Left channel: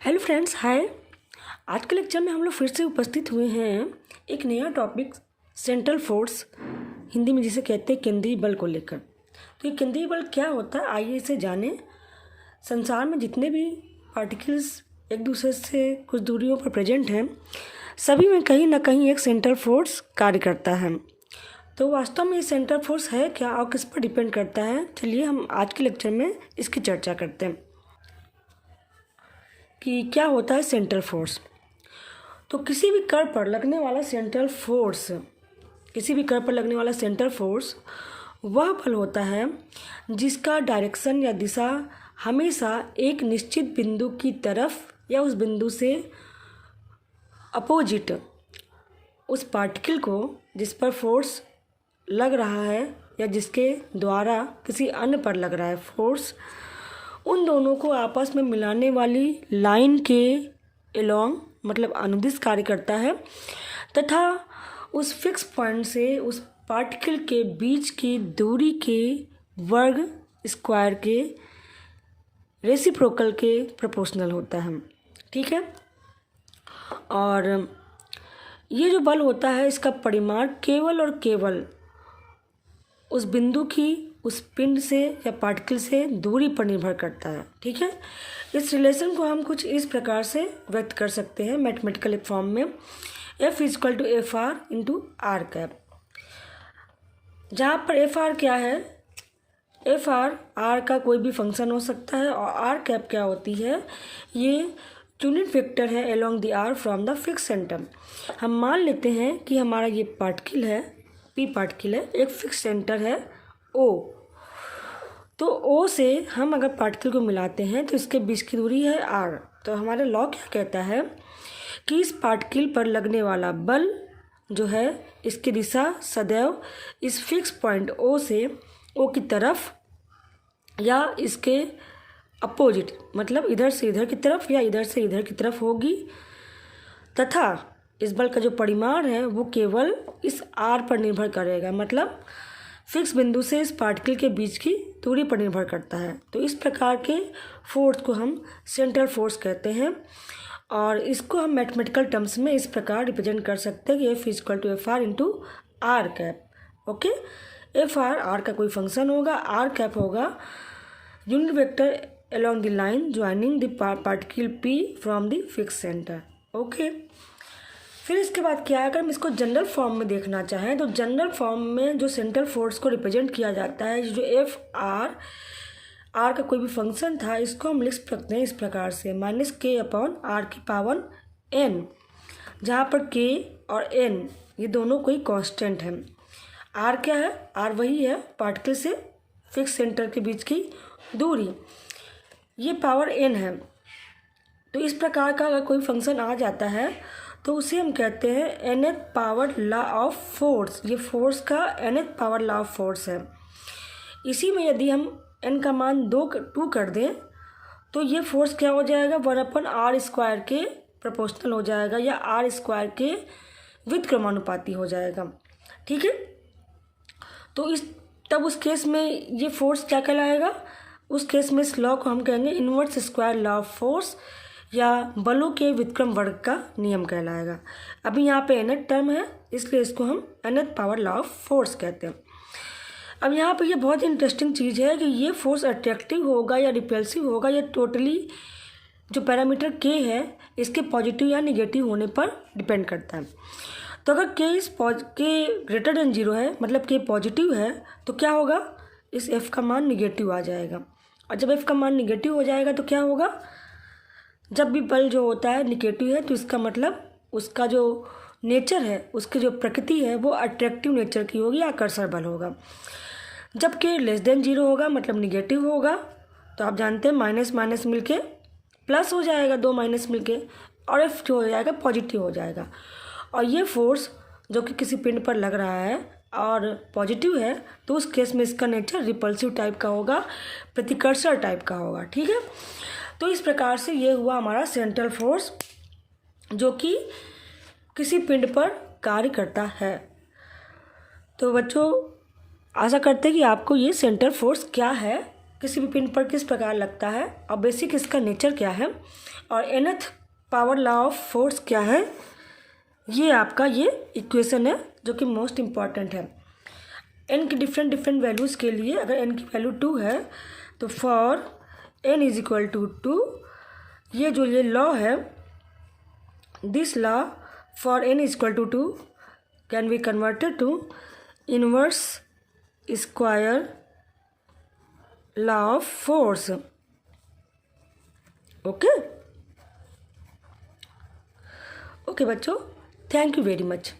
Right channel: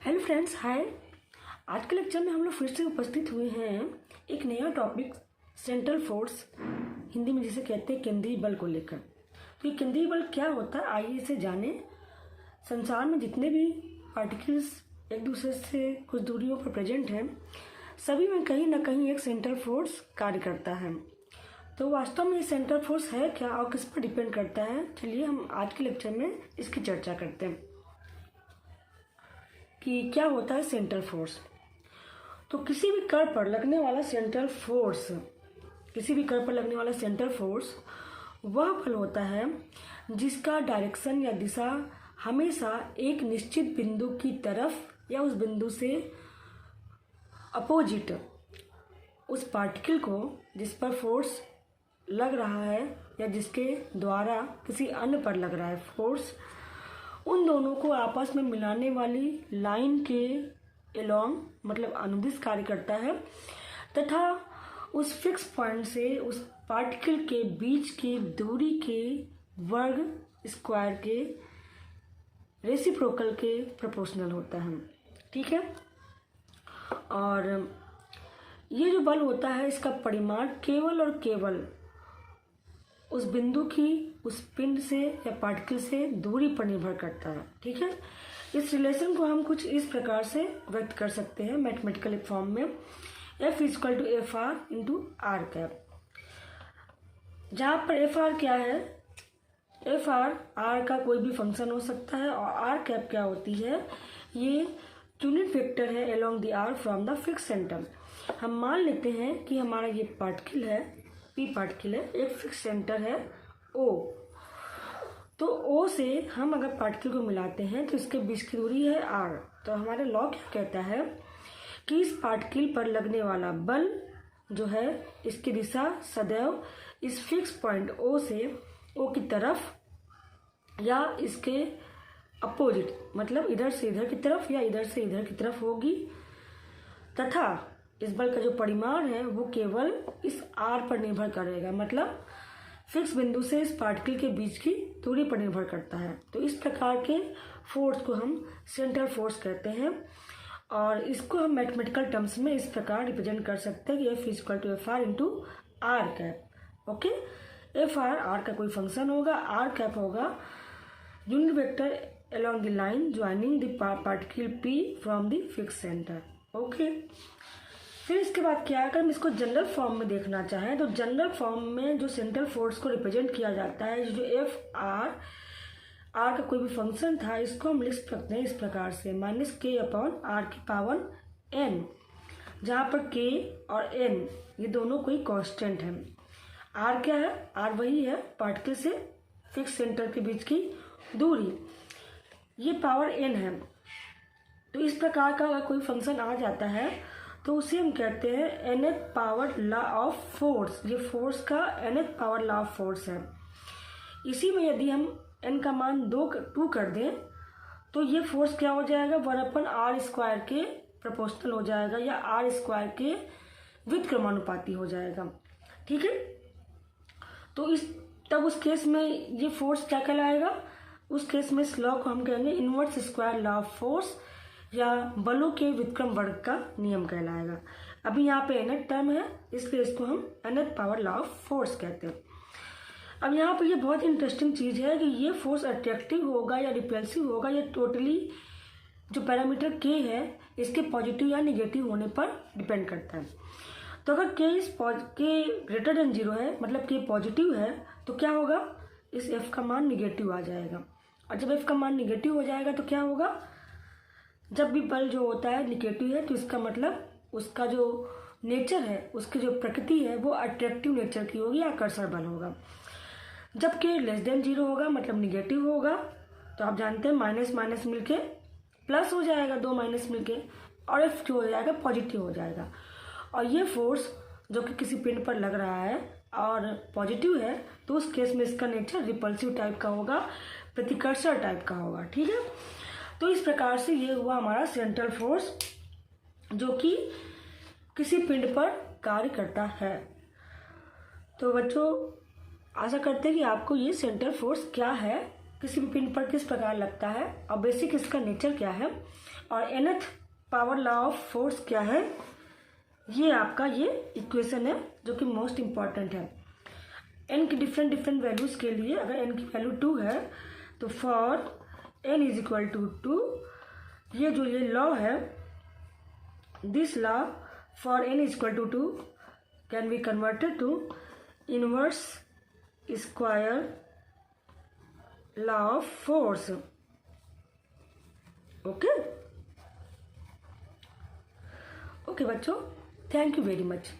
Hello friends, हाय। आज के lecture में हम लोग फिर से उपस्थित हुए हैं एक नया टॉपिक सेंट्रल फोर्स, हिंदी में जिसे कहते हैं केंद्रीय बल को लेकर। तो ये केंद्रीय बल क्या होता है, आइए इसे जानें। संसार में जितने भी पार्टिकल्स एक दूसरे से कुछ दूरियों पर प्रेजेंट हैं, सभी में कहीं ना कहीं एक सेंट्रल फोर्स कार्य करता है। तो वास्तव में ये सेंट्रल फोर्स है क्या और किस पर डिपेंड करता है, चलिए हम आज के लेक्चर में इसकी चर्चा करते हैं कि क्या होता है सेंट्रल फोर्स। तो किसी भी कण पर लगने वाला सेंट्रल फोर्स वह बल होता है जिसका डायरेक्शन या दिशा हमेशा एक निश्चित बिंदु की तरफ या उस बिंदु से अपोजिट उस पार्टिकल को जिस पर फोर्स लग रहा है या जिसके द्वारा किसी अन्य पर लग रहा है फोर्स, उन दोनों को आपस में मिलाने वाली लाइन के एलोंग मतलब अनुदिश कार्य करता है तथा उस फिक्स पॉइंट से उस पार्टिकल के बीच की दूरी के वर्ग स्क्वायर के रेसिप्रोकल के प्रोपोर्शनल होता है। ठीक है। और ये जो बल होता है इसका परिमाण केवल और केवल उस बिंदु की उस पिंड से या पार्टिकल से दूरी पर निर्भर करता है। ठीक है। इस रिलेशन को हम कुछ इस प्रकार से व्यक्त कर सकते हैं मैथमेटिकल फॉर्म में, F = FR × R कैप, जहाँ पर FR क्या है, FR R का कोई भी फंक्शन हो सकता है और R कैप क्या होती है, ये यूनिट वेक्टर है along the R from the fix centre. हम मान लेते हैं कि हमारा ये पार्टिकल है, P पार्टिकल है, एक फिक्स सेंटर है O। तो O से हम अगर पार्टिकल को मिलाते हैं तो इसके बीच की दूरी है R। तो हमारा लॉ क्या कहता है कि इस पार्टिकल पर लगने वाला बल जो है इसकी दिशा सदैव इस फिक्स पॉइंट O से O की तरफ या इसके अपोजिट मतलब इधर से इधर की तरफ या इधर से इधर की तरफ होगी तथा इस बल का जो परिमाण है वो केवल इस R पर निर्भर करेगा, मतलब फिक्स बिंदु से इस पार्टिकल के बीच की दूरी पर निर्भर करता है। तो इस प्रकार के फोर्स को हम सेंट्रल फोर्स कहते हैं और इसको हम मैथमेटिकल टर्म्स में इस प्रकार रिप्रेजेंट कर सकते हैं कि F = FR × R cap. Okay, FR R का कोई फंक्शन होगा, R कैप होगा unit vector along the line joining the particle P from the fixed center। Okay, फिर इसके बाद क्या है, अगर हम इसको जनरल फॉर्म में देखना चाहें तो जनरल फॉर्म में जो सेंट्रल फोर्स को रिप्रेजेंट किया जाता है, जो R का कोई भी फंक्शन था, इसको हम लिख सकते हैं इस प्रकार से -k/R⁴n, जहाँ पर k और n ये दोनों कोई कांस्टेंट है। R क्या है, R वही है पार्टिकल से फिक्स सेंटर के बीच की दूरी, ये पावर n है। तो इस प्रकार का अगर कोई फंक्शन आ जाता है तो उसे हम कहते हैं nth power law of force. ये फोर्स का nth power law of force है। इसी में यदि हम n का मान 2 कर दें तो ये फोर्स क्या हो जाएगा, 1/r² के प्रोपोर्शनल हो जाएगा या r² के व्युत्क्रमानुपाती हो जाएगा। ठीक है। तो तब उस केस में ये फोर्स क्या कहलाएगा, उस केस में इस लॉ को हम कहेंगे inverse square law of force या बलों के व्युत्क्रम वर्ग का नियम कहलाएगा। अभी यहाँ पे nth टर्म है इसलिए इसको हम nth power law of force कहते हैं। अब यहाँ पे ये बहुत इंटरेस्टिंग चीज़ है कि ये फोर्स अट्रैक्टिव होगा या रिपल्सिव होगा, या टोटली जो पैरामीटर k है इसके पॉजिटिव या निगेटिव होने पर डिपेंड करता है। तो अगर k > 0 है मतलब k पॉजिटिव है तो क्या होगा, इस f का मान निगेटिव आ जाएगा। और जब f का मान निगेटिव हो जाएगा तो क्या होगा, जब भी बल जो होता है निगेटिव है तो इसका मतलब उसका जो नेचर है, उसकी जो प्रकृति है वो अट्रैक्टिव नेचर की होगी, आकर्षण बल होगा। जब k <0 होगा मतलब निगेटिव होगा तो आप जानते हैं माइनस माइनस मिलके प्लस हो जाएगा, 2 माइनस मिलके, और f जो हो जाएगा पॉजिटिव हो जाएगा। और ये फोर्स जो कि किसी पिंड पर लग रहा है और पॉजिटिव है तो उस केस में इसका नेचर रिपल्सिव टाइप का होगा, प्रतिकर्षण टाइप का होगा। ठीक है। तो इस प्रकार से ये हुआ हमारा सेंट्रल फोर्स जो कि किसी पिंड पर कार्य करता है। तो बच्चों आशा करते हैं कि आपको ये सेंट्रल फोर्स क्या है किसी भी पिन पर किस प्रकार लगता है और बेसिक इसका नेचर क्या है और nth power law of force क्या है, ये आपका ये इक्वेशन है जो कि मोस्ट इम्पॉर्टेंट है। n की डिफरेंट वैल्यूज़ के लिए अगर n की वैल्यू 2 है तो for n is equal to 2, ये जो ये लॉ है, this law for n is equal to 2 can be converted to inverse square law of force. Okay okay बच्चों, थैंक यू वेरी मच।